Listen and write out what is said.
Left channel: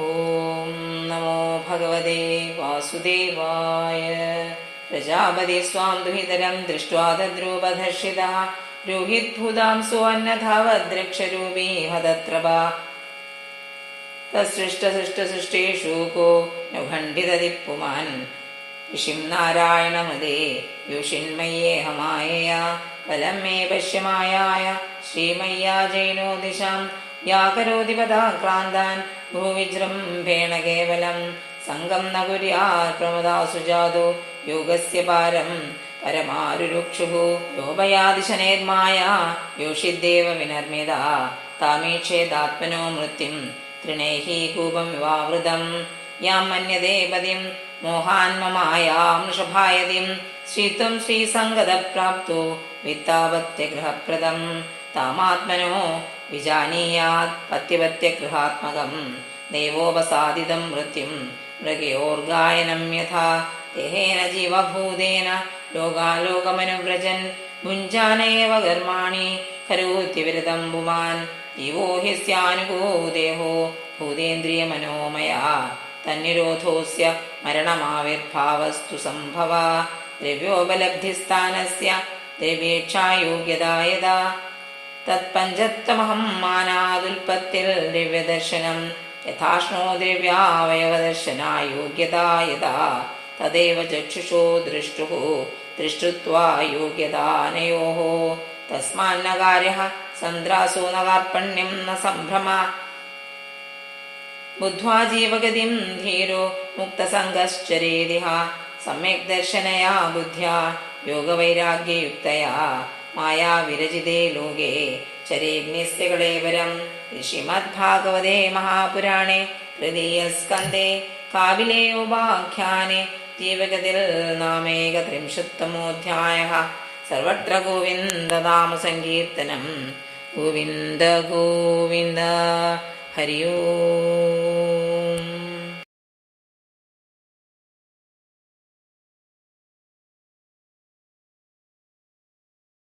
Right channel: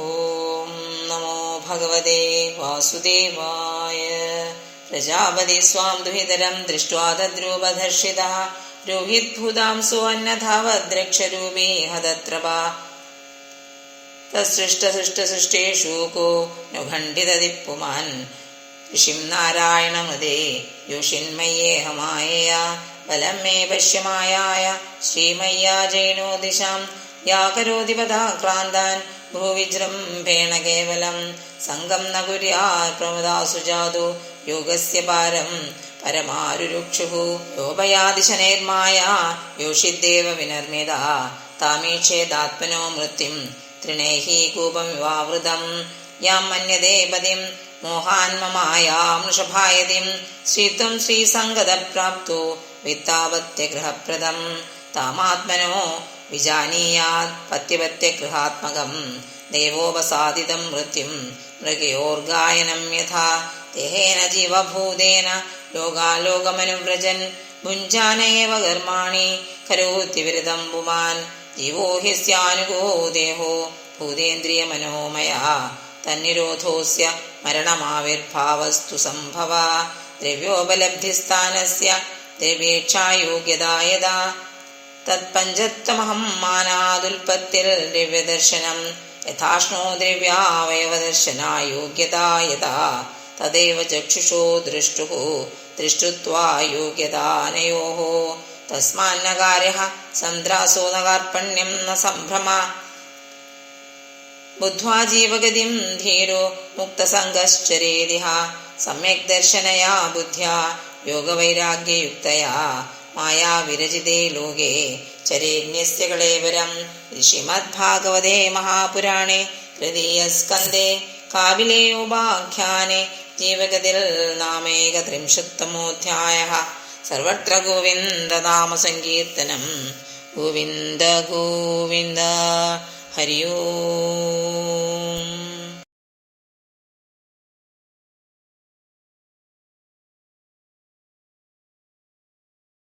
ഓം നമോ ഭഗവതേ വാസുദേവായ. പ്രജാപതി സ്വാം ദുഹിതരം ദൃഷ്ട്വാ തദ്രൂപധർഷിതഃ രോഹിത്ഭൂതാം സുവന്നധാവദ്രക്ഷരൂപീ ഹതത്രപാ തസൃഷ്ടസൃഷ്ടസൃഷ്ടേഷു കോ ന ഖണ്ഡിതദിപ്പുമാൻ ഋഷിം നാരായണമുദേ യോഷിന്മയ്യേഹമായയാ ബലം മേ പശ്യമായായ ശ്രീമയ്യാ ജൈനോ ദിശാം യാ കരോതി പദാക്രാന്താൻ ഭൂവിജൃംഭേണ കേവലം സംഗം ന കുര്യാത് പ്രമദാസു ജാതോ യോഗസ്യ പാരം പരമാരുരുക്ഷുഃ യോപയാതി ശനൈർമായാ യോഷിദ്ദേവ വിനർമ്മിതാ താമീക്ഷേദാത്മനോ മൃത്യും തൃണേഹി കൂപമിവാവൃതം യാം മന്യതേ പതിം മോഹാന്മമായാം വൃഷഭായതിം ശ്രീത്വം ശ്രീസംഗതപ്രാപ്തോ വിത്താപത്യഗൃഹപ്രദം താമാത്മനോ വിജാനീയാത് പത്യപത്യഗൃഹാത്മകം ദേവോപസാദിതം മൃത്യും മൃഗയോർഗായനം യഥാ ദേഹേന ജീവഭൂതേന ലോകാലോകമനുവ്രജൻ ഭുഞ്ജാനയേവ കർമാണി കരോത്യവിരതം പുമാൻ ജീവോ ഹ്യസ്യാനുഗോ ദേഹോ ഭൂതേന്ദ്രിയമനോമയഃ തന്നിരോധോസ്യ മരണമാവിർഭാവസ്തു സംഭവ ദ്രവ്യോപലബ്ധിസ്ഥാനസ്യ ദ്രവ്യേക്ഷായോഗ്യതാ യഥാ തത്പഞ്ചത്തമഹം മാനാദുൽപത്തിർ ദ്രവ്യദർശനം യഥാഷ്ണോ ദ്രവ്യാവയവദർശനായോഗ്യതാ യഥാ തദേവ ചക്ഷുഷോ ദൃഷ്ടുഃ ദൃഷ്ടുത്വാ യോഗ്യതാനയോഃ തസ്മാന്ന കാര്യഃ സന്ദ്രാസോ ന കാർപ്പണ്യം ന സംഭ്രമ ബുദ്ധ്വാ ജീവഗതിം ധീരോ മുക്തസംഗശ്ചരേതിഹ സമ്യക് ദർശനയാ ബുദ്ധ്യാ യോഗവൈരാഗ്യയുക്തയാ മായാവിരജിതേ ലോകേ ചരേന്യസ്യ കളേവരം. ശ്രീമദ്ഭാഗവതേ മഹാപുരാണേ തൃതീയസ്കന്ധേ കാപിലേ ഉപാഖ്യാനെ ജീവഗതിർ നാമേകത്രിംശത്തമോऽധ്യായഃ. സർവത്ര ഗോവിന്ദനാമസങ്കീർത്തനം. ഗോവിന്ദ ഗോവിന്ദ. ഹരി ഓം.